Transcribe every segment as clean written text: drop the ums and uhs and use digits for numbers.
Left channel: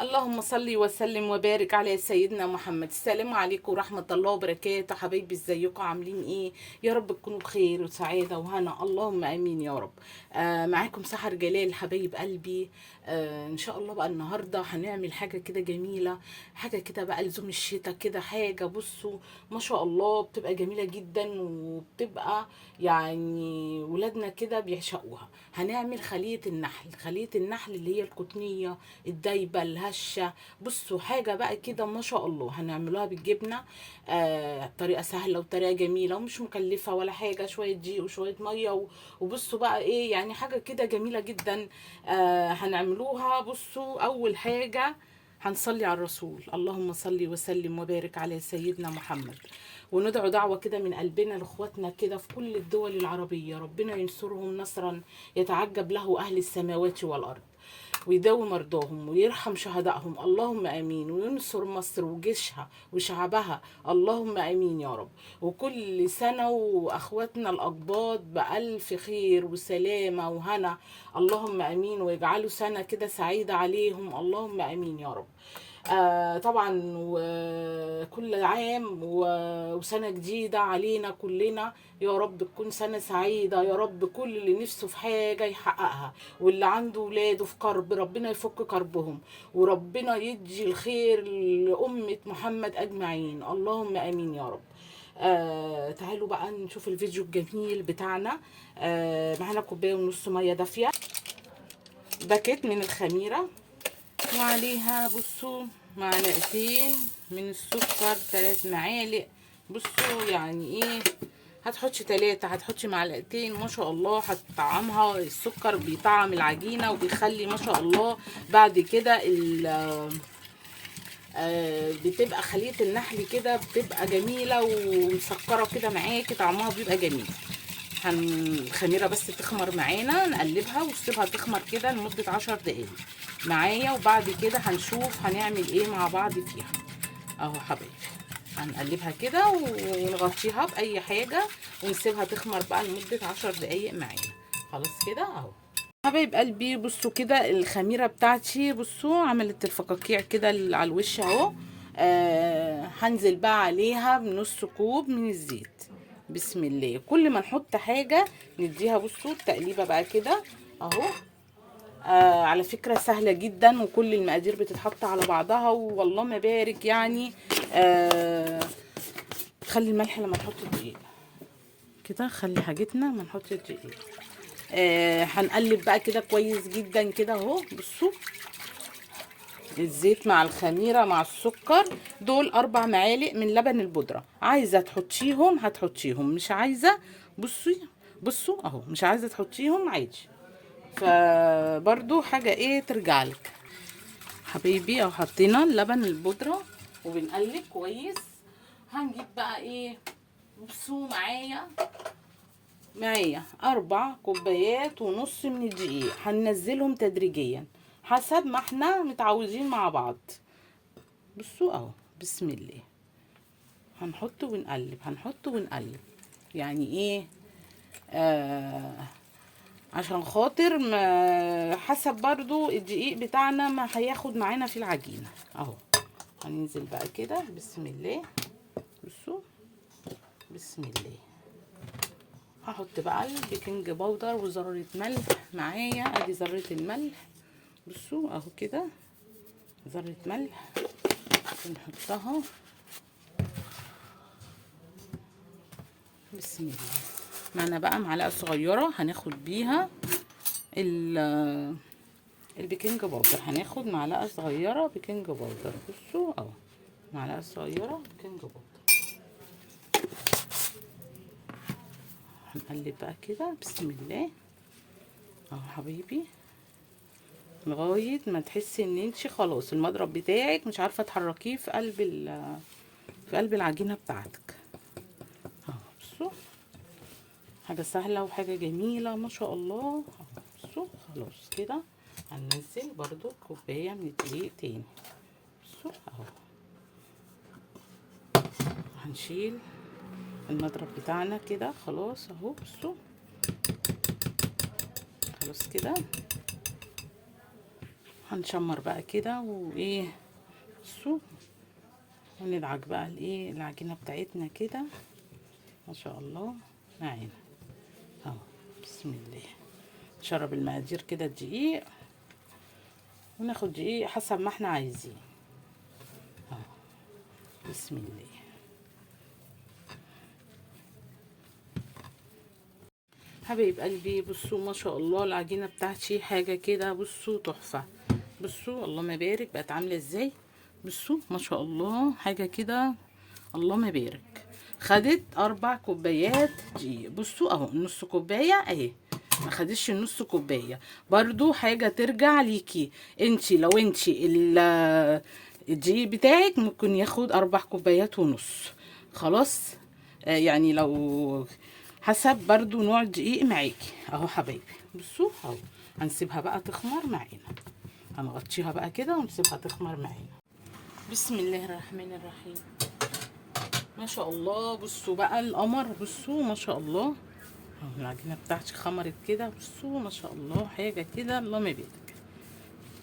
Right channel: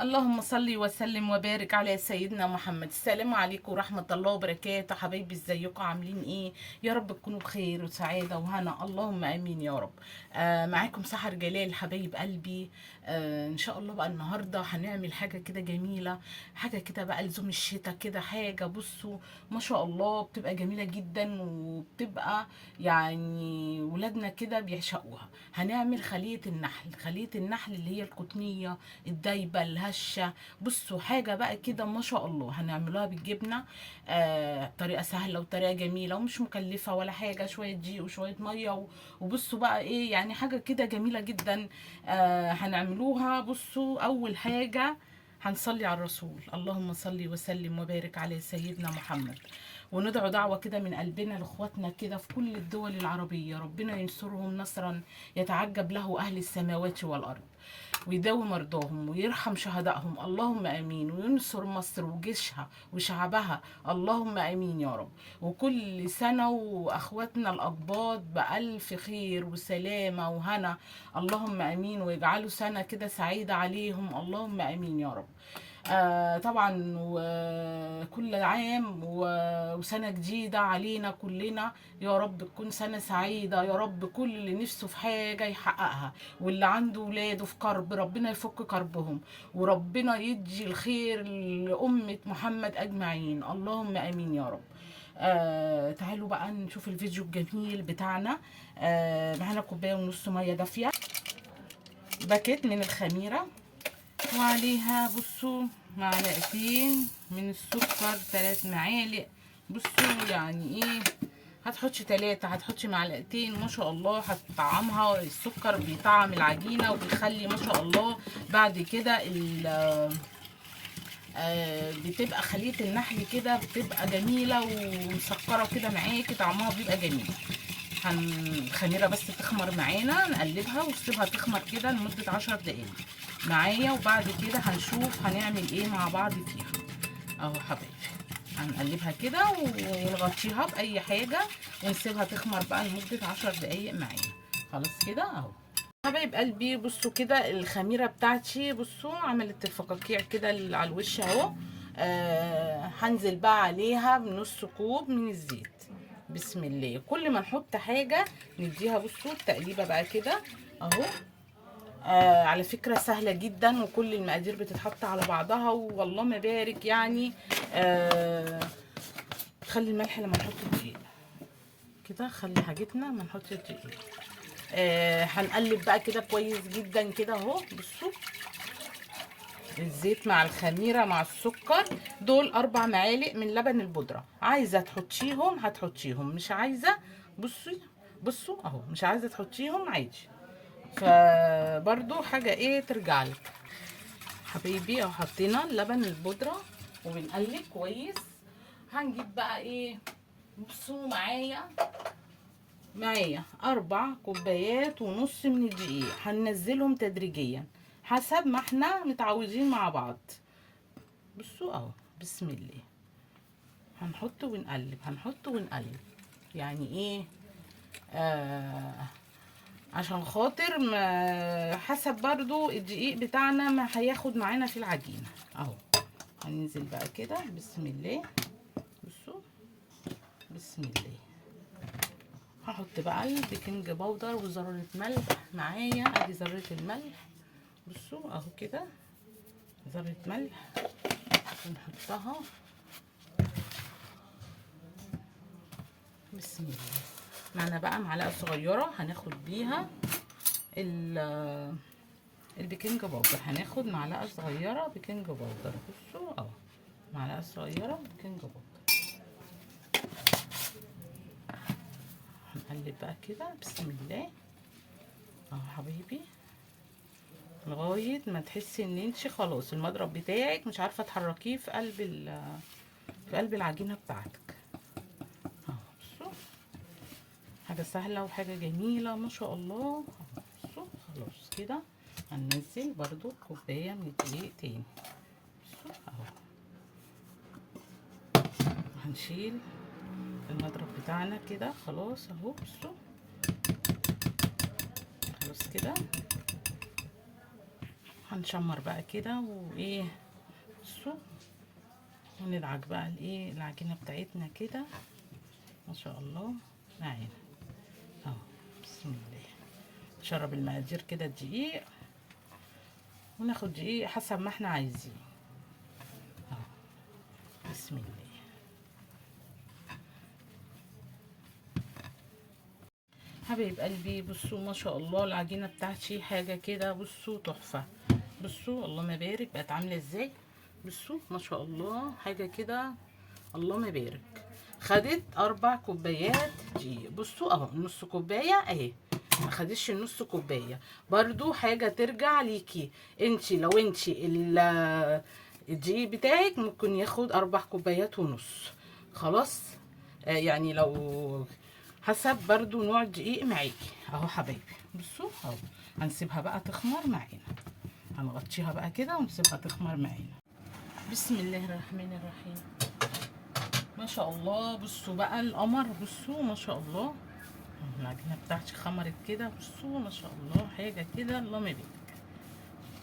اللهم صل وسلم وبارك على سيدنا محمد. السلام عليكم ورحمة الله وبركاته. حبايبي ازيكم عاملين ايه؟ يا رب تكونوا بخير وسعادة وهنا، اللهم امين يا رب. معاكم سحر جلال حبايب قلبي. ان شاء الله بقى النهاردة هنعمل حاجة كده جميلة، حاجة كده بقى لزوم الشتاء كده. حاجة بصوا ما شاء الله بتبقى جميلة جدا، وبتبقى يعني ولادنا كده بيعشقوها. هنعمل خلية النحل، خلية النحل اللي هي القطنية الدايبه الهشه. بصوا حاجه بقى كده ما شاء الله هنعملوها بالجبنه. طريقه سهله وطريقه جميله ومش مكلفه ولا حاجه، شويه دقيق وشويه ميه وبصوا بقى ايه يعني حاجه كده جميله جدا. هنعملوها. بصوا اول حاجه هنصلي على الرسول، اللهم صل وسلم وبارك على سيدنا محمد، وندعو دعوة كده من قلبنا لاخواتنا كده في كل الدول العربية، ربنا ينصرهم نصرا يتعجب له أهل السماوات والأرض، ويداوي مرضاهم ويرحم شهدائهم، اللهم امين، وينصر مصر وجيشها وشعبها، اللهم امين يا رب. وكل سنه واخواتنا الاقباط بالف خير وسلامه وهنا، اللهم امين، ويجعلوا سنه كده سعيده عليهم، اللهم امين يا رب. طبعا وكل عام وسنة جديدة علينا كلنا، يا رب تكون سنة سعيدة يا رب. كل اللي نفسه في حاجة يحققها، واللي عنده ولاده في كرب ربنا يفك كربهم، وربنا يدي الخير لأمة محمد أجمعين، اللهم آمين يا رب. تعالوا بقى نشوف الفيديو الجميل بتاعنا. معانا كوباية ونص مية دافية، باكيت من الخميرة، وعليها بصوا معلقتين من السكر، 3 معالق. بصوا يعني ايه، هتحطش 3، هتحطش معلقتين، ما شاء الله هتطعمها. السكر بيطعم العجينة وبيخلي ما شاء الله بعد كده بتبقى خلية النحل كده بتبقى جميلة ومسكرة كده معاكي، طعمها بيبقى جميل. الخميره بس تخمر معانا، نقلبها ونسيبها تخمر كده لمده 10 دقايق معايا، وبعد كده هنشوف هنعمل ايه مع بعض فيها. اهو حبايبي هنقلبها كده ونغطيها باي حاجه ونسيبها تخمر بقى لمده 10 دقايق معانا. خلاص كده اهو حبايب قلبي. بصوا كده الخميره بتاعتي، بصوا عملت الفقاقيع كده على الوش اهو. هنزل بقى عليها بنص كوب من الزيت. بسم الله. كل ما نحط حاجه نديها بصوا تقليبه بقى كده اهو. على فكره سهله جدا، وكل المقادير بتتحط على بعضها والله ما بارك يعني. خلي الملح لما نحط الدقيق كده، خلي حاجتنا ما نحط الدقيق. هنقلب بقى كده كويس جدا كده اهو. بصوا الزيت مع الخميره مع السكر، دول 4 معالق من لبن البودره، عايزه تحطيهم هتحطيهم، مش عايزه بصي بصوا اهو، مش عايزه تحطيهم عادي، فبرضو حاجه ايه ترجع لك حبيبي. اهو حطينا لبن البودره وبنقلب كويس. هنجيب بقى ايه، بصوا معايا 4 كوبايات ونص من الدقيق، هننزلهم تدريجيا حسب ما احنا متعودين مع بعض. بصوا اهو بسم الله، هنحط ونقلب هنحط ونقلب. يعني ايه، عشان خاطر ما حسب برضو الدقيق بتاعنا ما هياخد معانا في العجينة اهو. هننزل بقى كده بسم الله. بصوا بسم الله. هحط بقى البيكنج باودر وذرة ملح معايا، ادي ذرة الملح. بصوا اهو كده ذرة ملح ونحطها بسم الله. معنا بقى معلقة صغيرة هناخد بيها البيكنج باودر، هناخد معلقة صغيرة بيكنج باودر. بصوا اهو معلقة صغيرة بيكنج باودر. هنقلب بقى كده بسم الله اهو حبيبي، لغايه ما تحسي ان انت خلاص المضرب بتاعك مش عارفه تحركيه في قلب العجينه بتاعتك اهو. بصوا حاجه سهله وحاجه جميله ما شاء الله. بصوا خلاص كده هننزل برضو كوبايه من الدقيق تاني. بصوا اهو هنشيل المضرب بتاعنا كده خلاص اهو. بصوا خلاص كده هنشمر بقى كده وايه. بصوا، وندعك بقى الايه العجينه بتاعتنا كده ما شاء الله معانا اهو. بسم الله. نشرب المقادير كده الدقيق، وناخد دقيق حسب ما احنا عايزين اهو. بسم الله. حبايب قلبي بصوا ما شاء الله العجينه بتاعتي حاجه كده بصوا تحفه. بصوا اللهم بارك بقت عامله ازاي. بصوا ما شاء الله حاجه كده اللهم بارك. خدت 4 كوبايات دقيق. بصوا اهو نص كوبايه اهي، ما خدتش النص كوبايه. برضو حاجه ترجع ليكي انتي، لو انتي الدقيق بتاعك ممكن ياخد 4 كوبايات ونص خلاص. يعني لو حسب برضو نوع الدقيق معاكي اهو حبايبي. بصوا اهو هنسيبها بقى تخمر معانا، هنغطيها بقى كده ونسيبها تخمر معانا. بسم الله الرحمن الرحيم. ما شاء الله بصوا بقى القمر. بصوا ما شاء الله العجينه بتاعتي خمرت كده. بصوا ما شاء الله حاجه كده اللهم بارك.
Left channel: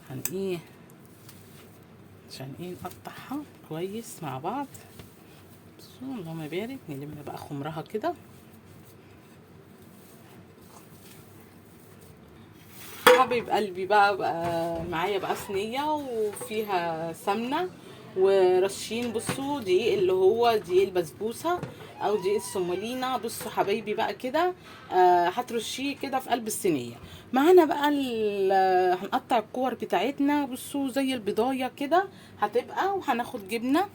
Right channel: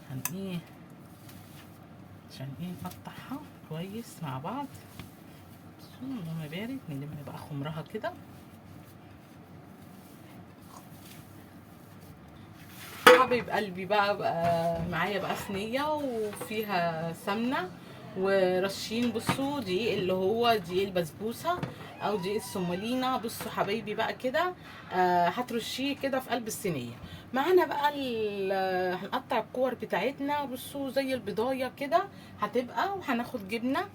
هن ايه عشان ايه نقطعها كويس مع بعض. بصوا اللهم بارك. نلم بقى خمرها كده. حبيب قلبي بقى معايا بقى صينيه وفيها سمنه ورشين. بصوا دقيق اللي هو دقيق البسبوسه او دقيق السمولينا. بصوا حبايبي بقى كده هترشيه كده في قلب الصينيه. معانا بقى هنقطع الكور بتاعتنا. بصوا زي البضايه كده هتبقى، وهناخد جبنه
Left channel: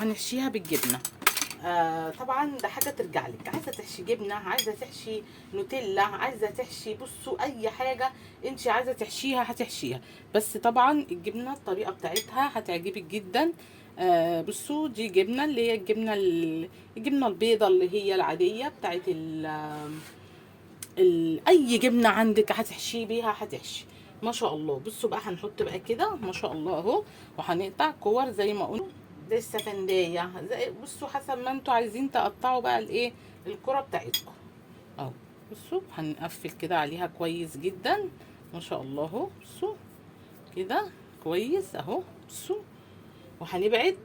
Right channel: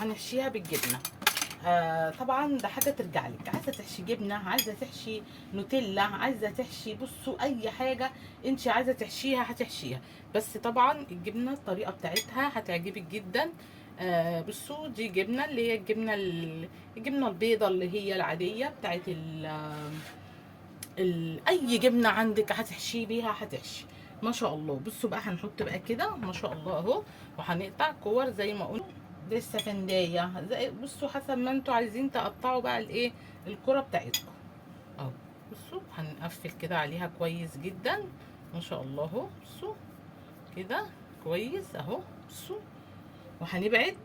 هنحشيها بالجبنه. طبعا ده حاجه ترجع لك، عايزه تحشي جبنه، عايزه تحشي نوتيلا، عايزه تحشي بصوا اي حاجه انت عايزه تحشيها هتحشيها. بس طبعا الجبنه الطريقه بتاعتها هتعجبك جدا. بصوا دي جبنه اللي هي الجبنه البيضه اللي هي العاديه بتاعت اي جبنه عندك هتحشي بيها هتحشي ما شاء الله. بصوا بقى هنحط بقى كده ما شاء الله اهو، وهنقطع كور زي ما قلنا لسه فندايه. بصوا حسب ما انتوا عايزين تقطعوا بقى الايه الكره بتاعتكم اهو. بصوا هنقفل كده عليها كويس جدا ما شاء الله اهو. بصوا كده كويس اهو. بصوا وهنبعد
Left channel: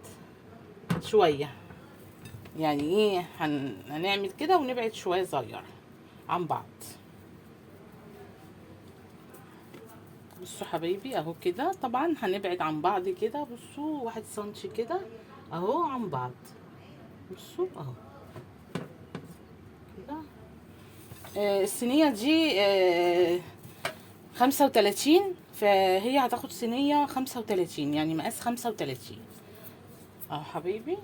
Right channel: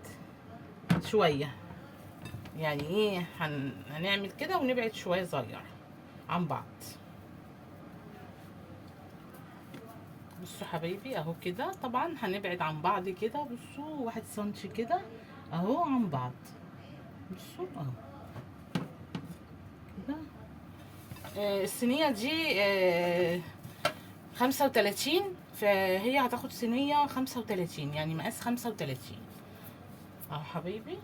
شويه، يعني ايه هنعمل كده ونبعد شويه صغير عن بعض. بصوا حبايبي اهو كده طبعا هنبعد عن بعض كده. بصوا 1 سنتي كده اهو عن بعض. بصوا اهو كده. الصينيه دي 35، فهي هتاخد صينيه 35 يعني مقاس 35 اهو حبايبي.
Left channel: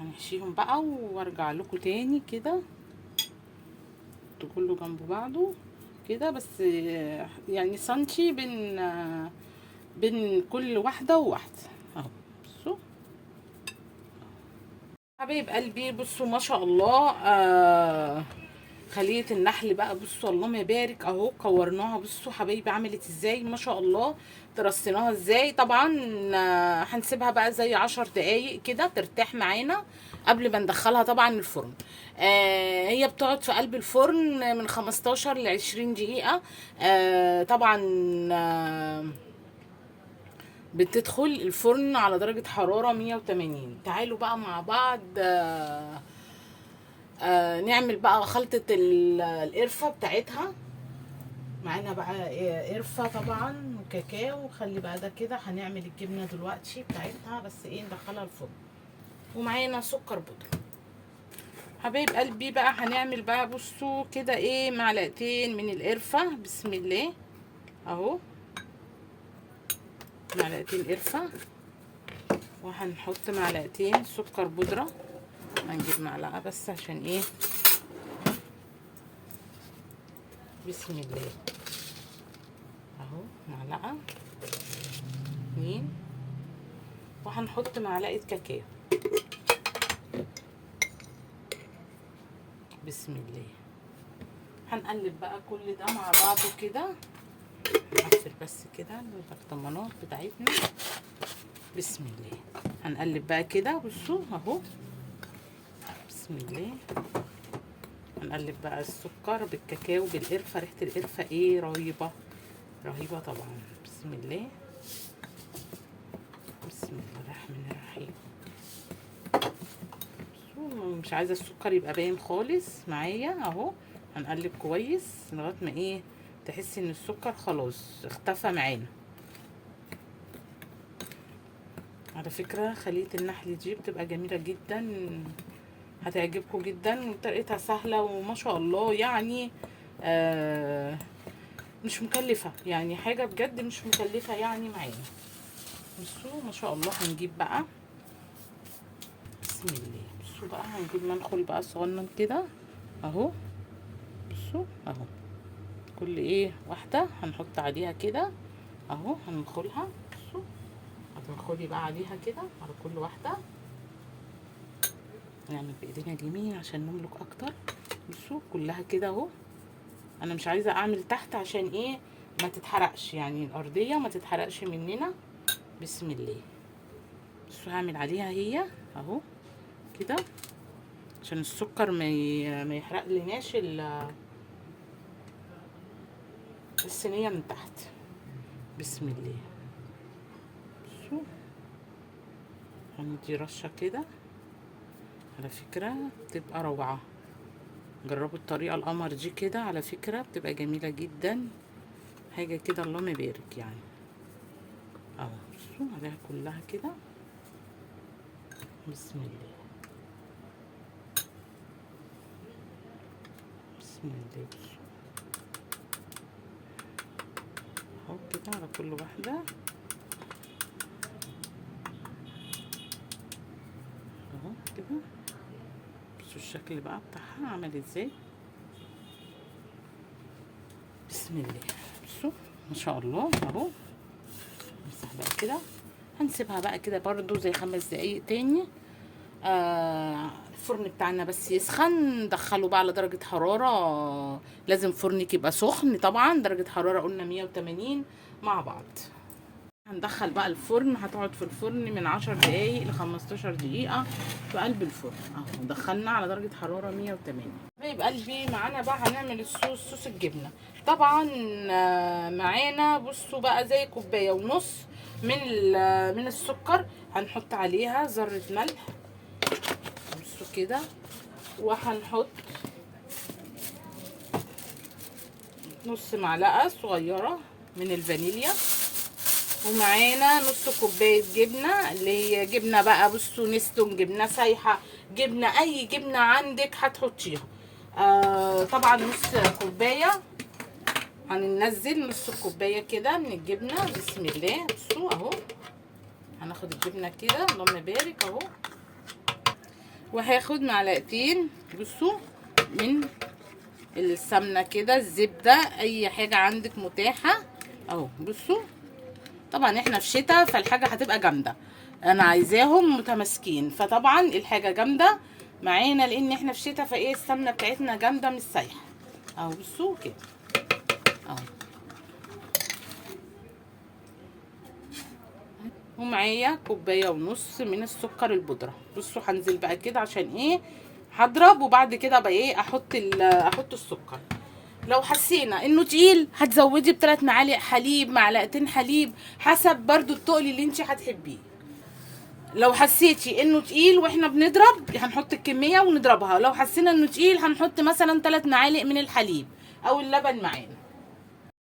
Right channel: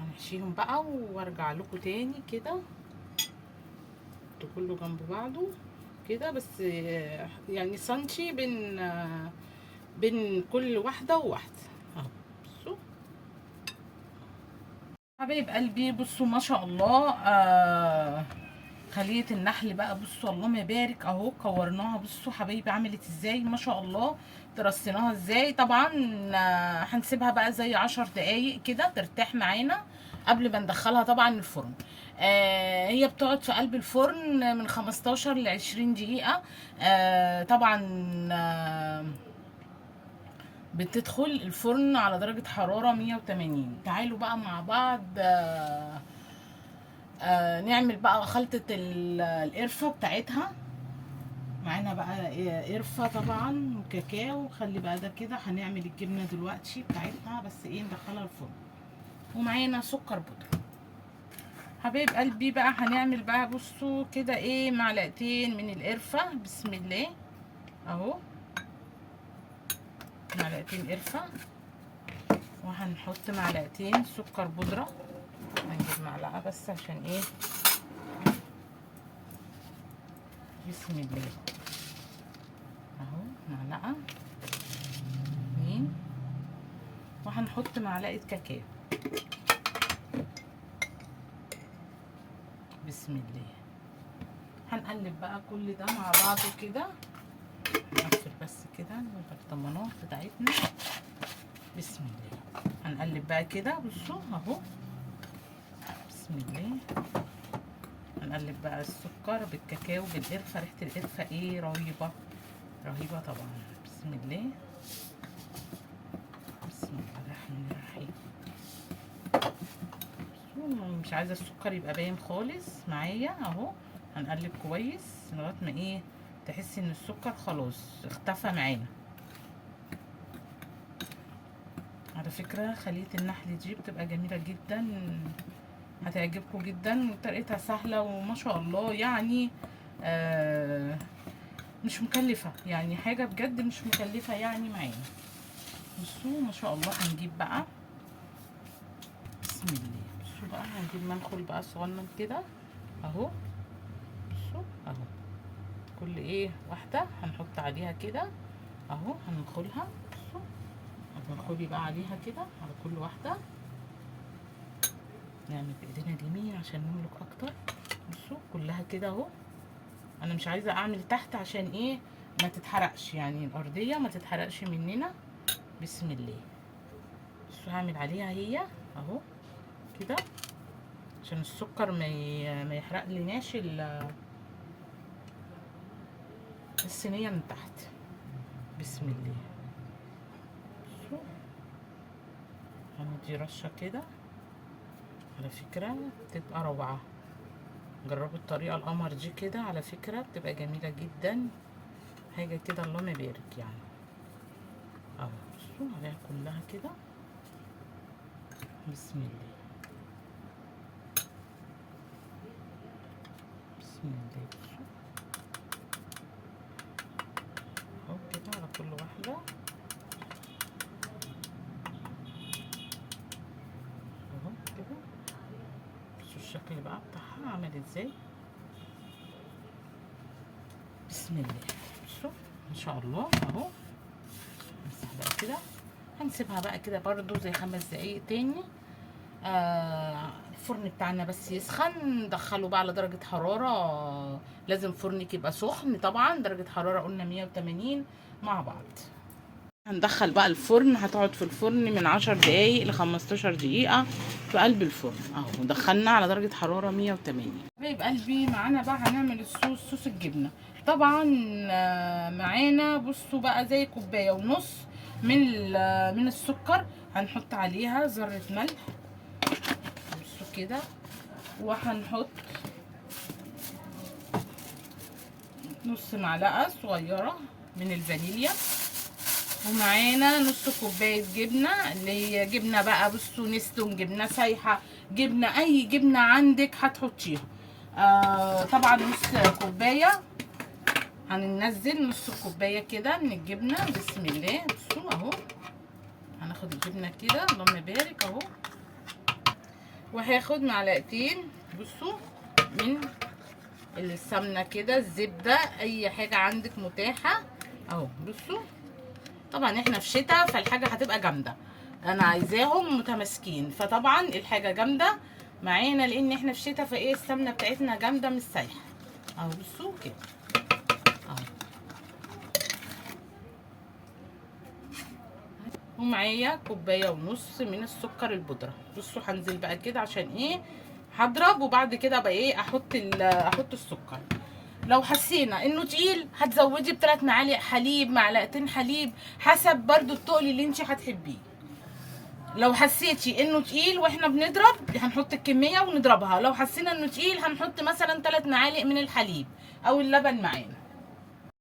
هنحشيهم بقى وارجع لكم تاني كده كله جنب بعضه كده. بس يعني سنتي بين كل واحده وواحده اهو. بصوا حبايب قلبي بصوا ما شاء الله خلية النحل بقى. بصوا اللهم يبارك اهو كورناها. بصوا حبايبي عملت ازاي ما شاء الله. ترصيناها ازاي. طبعا هنسيبها بقى زي 10 دقايق كده ترتاح معانا قبل ما ندخلها طبعا الفرن. هي بتقعد في قلب الفرن من 15 ل 20 دقيقة. طبعا بتدخل الفرن على درجة حرارة 180. تعالوا بقى مع بعض نعمل بقى خلطة القرفة بتاعتها. معانا بقى قرفة طبعا وكاكاو. خلي بقى ده كده هنعمل الجبنة دلوقتي بتاعتها، بس ايه ندخلها الفرن. ومعانا سكر بودرة. حبايب قلبي بقى هنعمل بقى بصوا كده ايه معلقتين من القرفة. بسم الله اهو معلقتين قرفة، وهنحط معلقتين سكر بودرة. هنجيب معلقة بس عشان ايه. بسم الله اهو معلقة 2، وهنحط معلقة كاكاو. بسم الله. هنقلب بقى كل ده مع بعضه كده. نقفل بس كده البرطمانات بتاعتنا. بسم الله. هنقلب بقى كده بصوا اهو. بسم الله. هنقلب بقى السكر بالكاكاو بالقرفه. ريحه القرفه ايه رهيبه رهيبه طبعا. بسم الله بسم الله الرحمن الرحيم. مش عايزه السكر يبقى باين خالص معايا اهو. هنقلب كويس لغايه ما ايه تحسي ان السكر خلاص اختفى معانا. على فكره خليه النحل دي بتبقى جميله جدا، هتعجبكم جدا وطريقتها سهله وما شاء الله يعني مش مكلفه، يعني حاجه بجد مش مكلفه يعني معانا. بصوا ما شاء الله. هنجيب بقى بسم الله. بصوا بقى هنجيب منخل بقى صغنن كده اهو. بصوا اهو كل ايه واحده هنحط عليها كده اهو. هننخلها. بصوا هتنخلي بقى عليها كده على كل واحده. نعمل بايدينا اليمين عشان نملك اكتر. بصوا كلها كده اهو. انا مش عايزه اعمل تحت عشان ايه ما تتحرقش، يعني الارضيه ما تتحرقش مننا. بسم الله. بصوا هعمل عليها هي اهو كده عشان السكر ما يحرق لناش الصينيه من تحت. بسم الله. بصوا هندي رشه كده. على فكره بتبقى روعه، جربوا الطريقه القمر دي كده، على فكره بتبقى جميله جدا. حاجه كده اللهم بارك يعني اهو. بصوا عليها كلها كده. بسم الله بسم الله. اهو كده على كل واحده اهو كده. بصوا الشكل بقى بتاعها عامل ازاي. بسم الله. بصوا ما شاء الله اهو. نمسح بقى كده. هنسيبها بقى كده برضو زي 5 دقايق تاني. الفرن بتاعنا بس يسخن. ندخله بقى على درجة حرارة، لازم فرنك يبقى سخن طبعا. درجة حرارة قلنا 180 مع بعض. هندخل بقى الفرن. هتقعد في الفرن من 10 دقايق ل 15 دقيقة في قلب الفرن اهو. دخلنا على درجة حرارة 180. حبايب قلبي معانا بقى هنعمل صوص الجبنة طبعا. معانا بصوا بقى زي كوباية ونص من السكر. هنحط عليها ذرة ملح بصوا كده، وهنحط نص معلقة صغيرة من الفانيليا، ومعانا نص كوباية جبنة اللي هي جبنة بقى بصوا نستون، جبنة سايحة، جبنة اي جبنة عندك هتحطيها. طبعا نص كوباية. هننزل نص كوباية كده من الجبنة. بسم الله. بصوا اهو هناخد الجبنة كده اللهم بارك اهو. وهاخد معلقتين بصوا من السمنة كده، الزبدة، اي حاجة عندك متاحة اهو. بصوا طبعا احنا في شتاء فالحاجة هتبقى جامدة، انا عايزاهم متماسكين، فطبعا الحاجة جامدة معانا لان احنا في شتاء فايه السمنة بتاعتنا جامدة مش سايحة اهو. بصوا كده اهو. ومعايا كوبايه ونص من السكر البودره. بصوا هنزل بقى كده عشان ايه هضرب، وبعد كده بقى ايه احط السكر. لو حسينا انه تقيل هتزودي ب3 معالق حليب، معلقتين حليب، حسب برضو التقل اللي انت هتحبيه. لو حسيتي انه تقيل واحنا بنضرب هنحط الكميه ونضربها. لو حسينا انه تقيل هنحط مثلا 3 معالق من الحليب او اللبن معانا.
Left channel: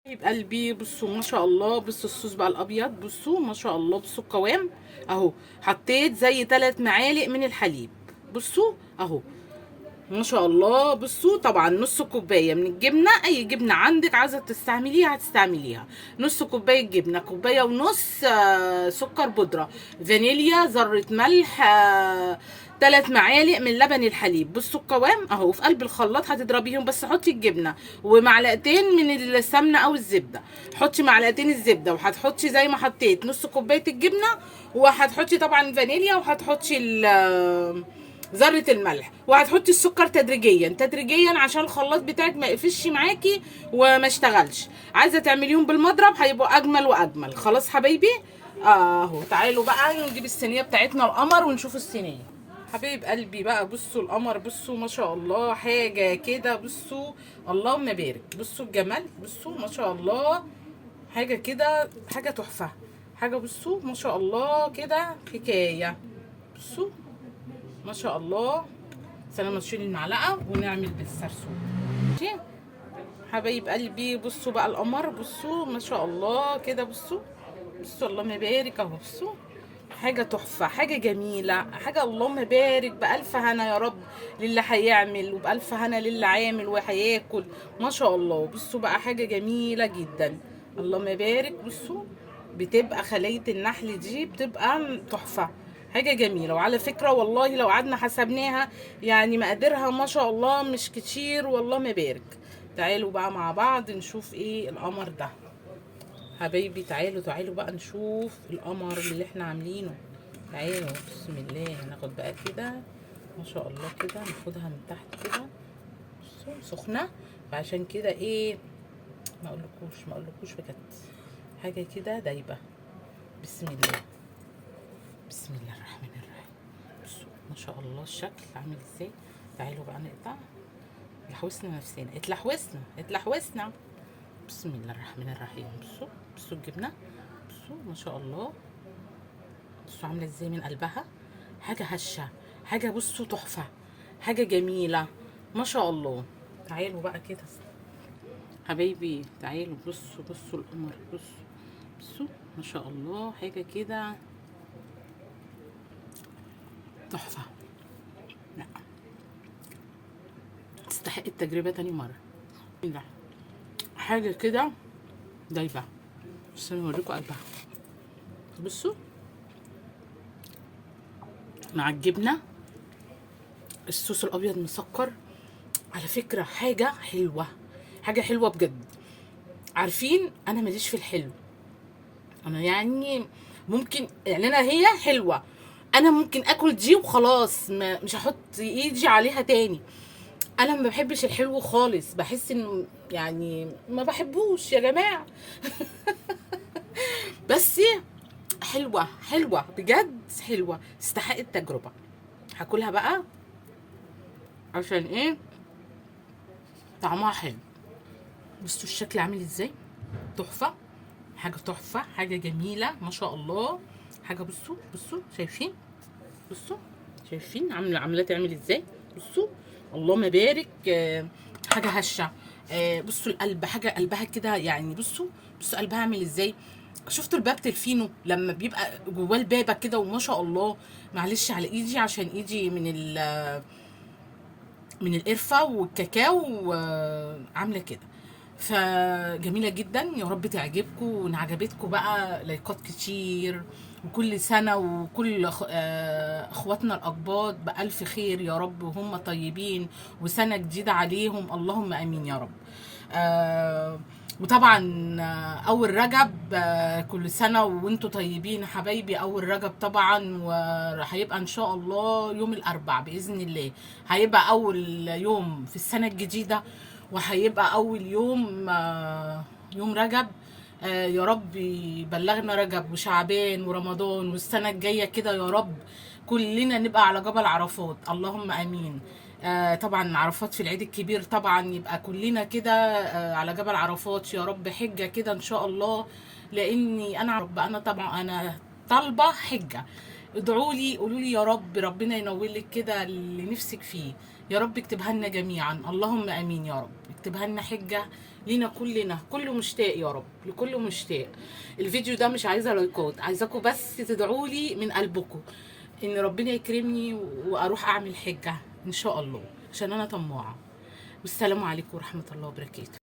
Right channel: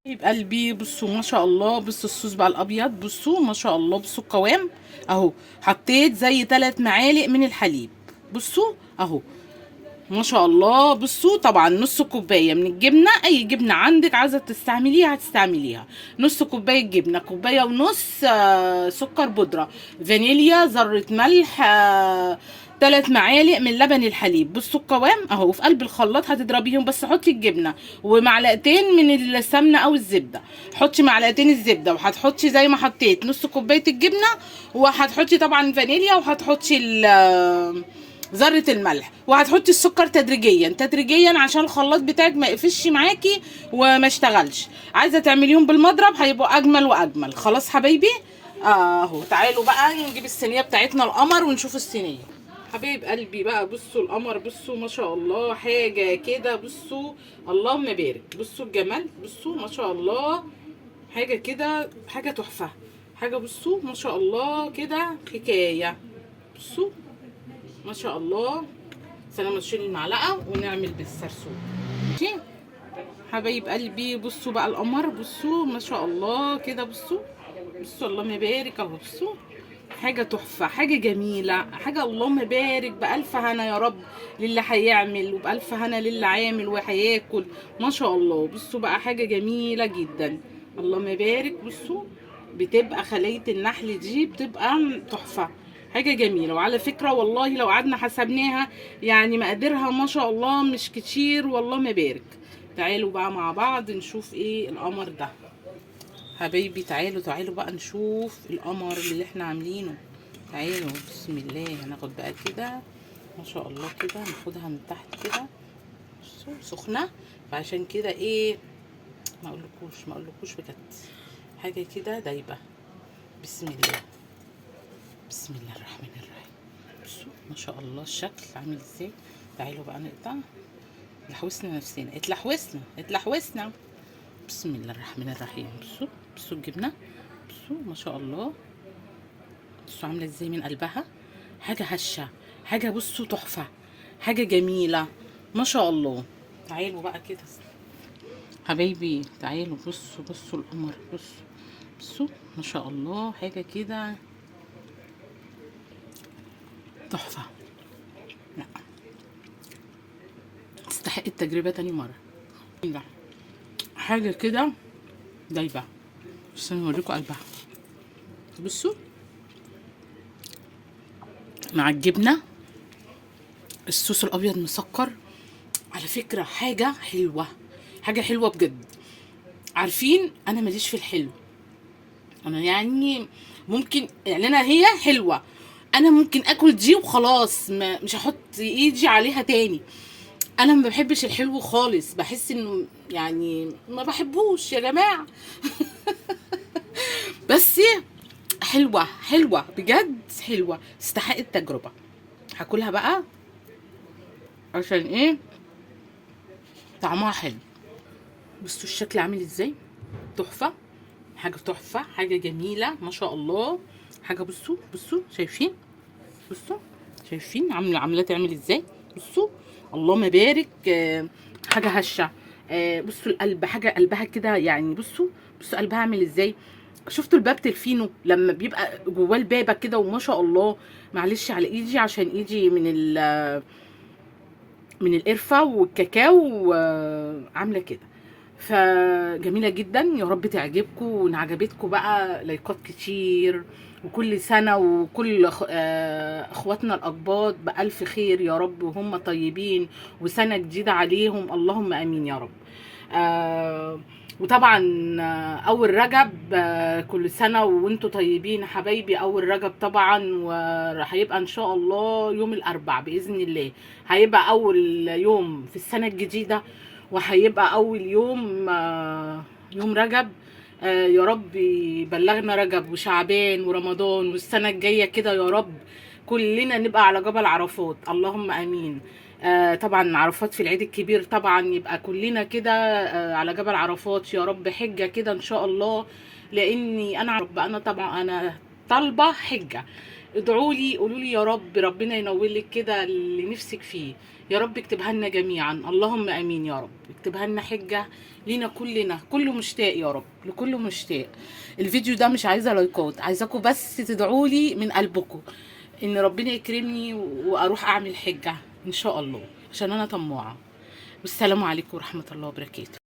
حبيب قلبي بصوا ما شاء الله. بصوا الصوص بقى الابيض. بصوا ما شاء الله. بصوا القوام اهو. حطيت زي 3 معالق من الحليب. بصوا اهو ما شاء الله. بصوا طبعا نص كوبايه من الجبنه، اي جبنه عندك عايزه تستعمليها هتستعمليها. نص كوبايه جبنه، كوبايه ونص سكر بودره، فانيليا، ذره ملح، 3 معالق من لبن الحليب. بصوا القوام اهو. في قلب الخلاط هتضربيهم، بس حطي الجبنه ومعلقتين من السمنه او الزبده. حطي معلقتين الزبده وهتحطي زي ما حطيت نص كوبايه الجبنه، وهتحطي طبعا فانيليا، وهتحطي ذره الملح، وهتحطي السكر تدريجيا تدريجيا عشان الخلاط بتاعك ما يقفش معاكي وما اشتغلش. عايزه تعمليهم بالمضرب هيبقوا اجمل واجمل. خلاص حبايبي اهو. تعالوا بقى نجيب الصينيه بتاعتنا القمر ونشوف الصينيه. حبايب قلبي بقى بصوا القمر، بصوا ما شاء الله حاجه كده، بصوا اللهم بارك، بصوا الجمال، بصوا ما شاء الله حاجه كده، حاجه تحفه، حاجه بصوا ما شاء الله كده حكايه. بصوا ما شاء الله. سلام، نشيل المعلقه ونعمل بالسرسوب. ماشي حبايب قلبي، بصوا بقى القمر، بصوا ما شاء الله كده، بصوا بصوا اللهم بارك اهو، بصوا حاجة تحفة، حاجة جميلة، حاجة اللهم بارك، بألف هنا يا رب للي هيعمل، وبألف هنا للي عامل وهياكل. ما شاء الله بصوا بقى حاجة جميلة جدا، اللهم بارك. بصوا بتبقى خلية النحل دي بتبقى تحفة، حاجة جميلة. وعلى فكرة والله لو قعدنا حسبناها يعني مقاديرها ما شاء الله مش كتير، والله ما بارك. تعالوا بقى مع بعض نشوف ايه القمر ده حبايبي. تعالوا بقى نشوف القمر اللي احنا عاملينه. تعالوا بسم الله، هناخد بقى كده ما شاء الله كده، ناخدها من تحت كده، سخنة، فعشان كده ايه ما اقولكوش بجد، حاجة كده دايبة. بسم الله، بسم الله الرحمن الرحيم. بصوا ما شاء الله الشكل عامل ازاي. تعالوا بقى نقطع، لحوسنا نفسنا، اتلحوسنا. بسم الله الرحمن الرحيم. بصوا الجبنة، بصوا ما شاء الله، بصوا عامله ازاي من قلبها، حاجه هشه، حاجه بصوا تحفه، حاجه جميله ما شاء الله. تعالوا بقى كده حبايبي، تعالوا بصوا القمر، بصوا ما شاء الله حاجه كده تحفه، لا تستحق التجربه تاني مره. حاجه كده دايبه، بس انا اوريكم قلبها. بصوا مع الجبنه، الصوص الابيض مسكر، على فكره حاجه حلوه، حاجه حلوه بجد. عارفين انا ماليش في الحلو، انا يعني ممكن يعني انا هي حلوه، انا ممكن اكل دي وخلاص، مش هحط ايدي عليها تاني. انا ما بحبش الحلو خالص، بحس انه يعني ما بحبوش يا جماعه. بس حلوه بجد، حلوه تستحق التجربه. هاكلها بقى عشان ايه، طعمها حلو. بصوا الشكل عامل ازاي، تحفه، حاجه تحفه، حاجه جميله ما شاء الله. حاجه بصوا شايفين، بصوا شايفين عامله تعمل ازاي. بصوا اللهم بارك، حاجه هشه. بصوا القلب، حاجه قلبها كده يعني، بصوا قلبها عامل ازاي. شفتوا الباب تلفينه لما بيبقى جواه البابه كده، وما شاء الله. معلش على ايدي عشان ايدي من القرفه والكاكاو، عامله كده. فجميله جدا، يا رب تعجبكم، وان عجبتكم بقى لايكات كتير. وكل سنه وكل اخواتنا الاقباط بالف خير يا رب، وهم طيبين، وسنه جديده عليهم، اللهم امين يا رب. وطبعا اول رجب، كل سنه وانتم طيبين حبايبي. اول رجب طبعا، وهيبقى ان شاء الله يوم الاربع باذن الله، هيبقى اول يوم في السنه الجديده، وهيبقى اول يوم يوم رجب. يا رب يبلغنا رجب وشعبان ورمضان، والسنه الجايه كده يا رب كلنا نبقى على جبل عرفات، اللهم امين. طبعا عرفات في العيد الكبير، طبعا يبقى كلنا كده على جبل عرفات يا رب، حجه كده ان شاء الله. لاني انا رب، انا طبعا انا طالبه حجه. ادعوا لي، قولوا لي يا رب، ربنا ينور لك كده اللي نفسك فيه يا رب، اكتبها لنا جميعا، اللهم امين يا رب. اكتبها لنا حجه لينا كلنا، كله مشتاق يا رب، لكله مشتاق. الفيديو ده مش عايزه لايكات، عايزاكم بس تدعوا لي من قلبكم ان ربنا يكرمني واروح اعمل حجه ان شاء الله، عشان انا طماعه. والسلام عليكم ورحمه الله وبركاته.